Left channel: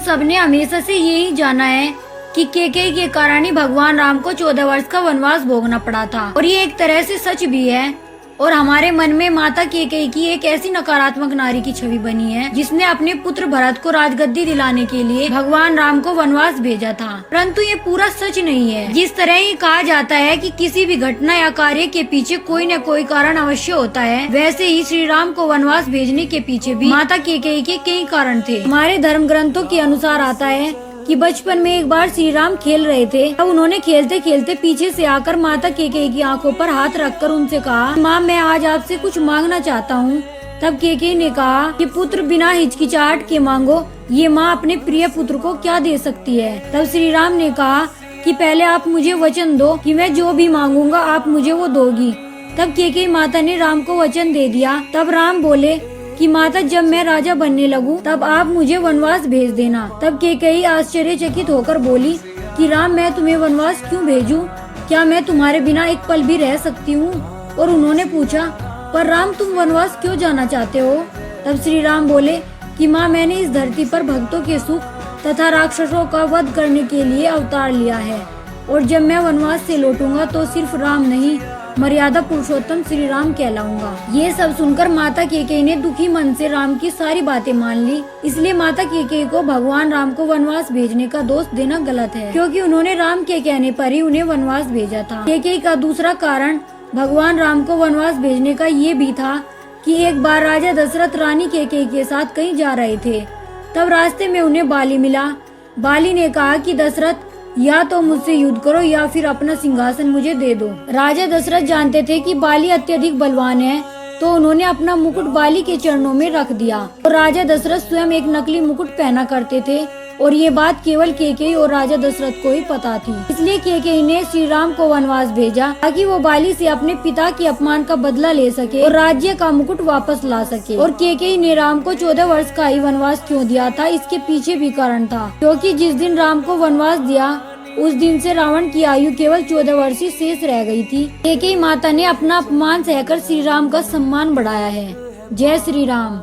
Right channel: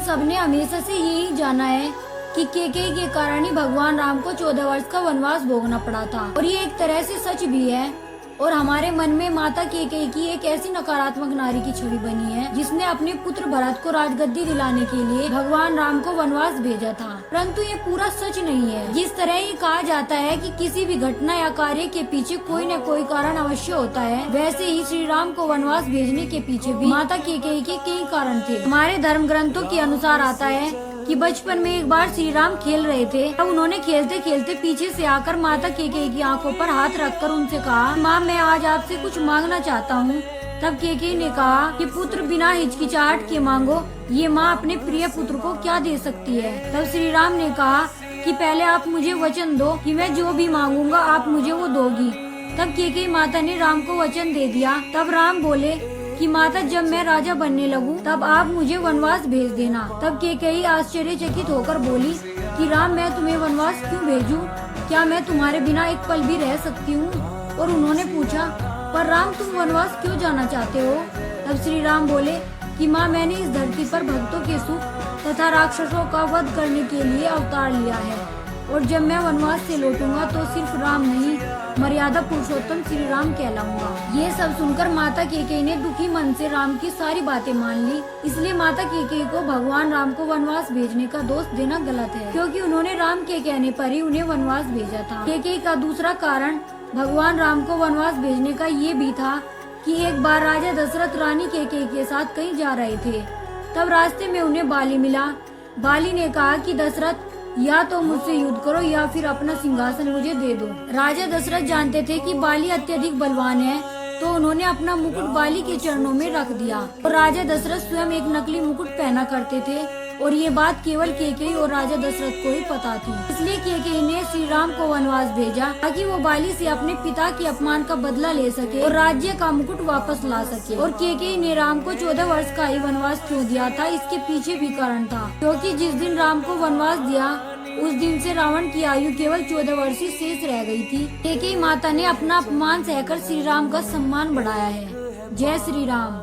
सबने हमेशा से यही जाना है कि केकई के कारण ही भगवान राम को 14 वर्ष का वनवास भोगना पड़ा था, और ये एक तरह से सच भी है। और हमारे मन में माता केकई की एक ऐसी नकारात्मक नारी की छवि बनी है जिसने अपने पुत्र भरत को राजगद्दी दिलाने के लिए भगवान राम को वनवास भेजा था। परंतु ये पूरा सच नहीं है। जिस तरह ये कहा जाता है कि किसी भी घटना या कार्य के पीछे कोई न कोई कारण अवश्य होता है, वैसे ही श्री राम को वनवास भेजने के पीछे भी माता केकई के कई कारण थे। हमारे धर्म ग्रंथों के अनुसार आता है कि बचपन में एक बार श्री राम खेल रहे थे। तब उन्होंने खेलते खेलते पीछे से आकर माता केकई की आंखों पर हाथ रखकर उनसे कहा, माँ मैं आज आपसे कुछ मांगना चाहता हूँ। तब केकई ने कहा कि पुत्र बिना हिचकिचाहट के मांगो, ये माँ अपने प्रिय पुत्र को क्या दे सकती है। तब श्री राम ने कहा कि पहले आप मुझे वचन दो कि मैं जो भी मांगूंगा आप मुझे वो दोगी। तब केकई माता ने राम को वचन दे दिया। तब राम बोले कि माता जब मैं राजा बनने लगूं तब आप मुझे वनवास भेज देना। तब केकई आश्चर्यचकित होकर बोली कि राम मैं तुम्हें वनवास क्यों भेजूं? क्या मैं तुम्हारे बिना एक पल भी रह सकती हूँ? और उन्होंने पूछा, पर राम तुम वनवास क्यों जाना चाहते हो? तब श्री राम बोले कि माँ मैंने इस धरती पर भक्तों के सुख तथा राक्षसों का वध करने के लिए अवतार लिया है, और जब मैं वनवास से लौटूंगा तो सिर्फ राम नहीं मर्यादा पुरुषोत्तम श्री राम कहलाऊंगा। ये सब सुनकर माता केकई ने दुखी मन से राम की सारी बातें मान ली। इसलिए माता केकई को भगवान राम को वनवास भेजने का दोष देना गलत है, क्योंकि उन्होंने राम के कहने पर ही उन्हें वनवास भेजा था। केकई का दूसरा कारण भगवान राम को वनवास भेजने का ये भी था कि एक बार राजा दशरथ रानी केकई के साथ कहीं जा रहे थे। तब रास्ते में उन्हें बाली मिला। बाली ने कहा कि दशरथ या तो मुझसे युद्ध करो या फिर अपना सिंहासन मुझे दे दो। राजा दशरथ जानते थे कि बाली अत्यधिक बलवान है, तो उन्होंने अपना मुकुट बाली के चरणों में रख दिया। और राजा दशरथ स्वयं एक नकली मुकुट पहना करते थे, और ये बात केवल केकई और राजा दशरथ को ही पता थी। इसलिए केकई ने श्री राम को वनवास भेजा ताकि वो बाली से अपने पिता के अपमान का बदला ले सके और राज्य का मुकुट वापस ला सके। और केकई ने राम को 14 वर्ष का ही वनवास क्यों दिया था, इसके पीछे भी कारण था, क्योंकि जिस दिन राम को वनवास दिया उस दिन से रावण की आयु केवल 14 वर्ष ही शेष रह गई थी। केकई माता ने अपना अपमान सहकर श्री राम का सम्मान बढ़ाया है। जय श्री राम।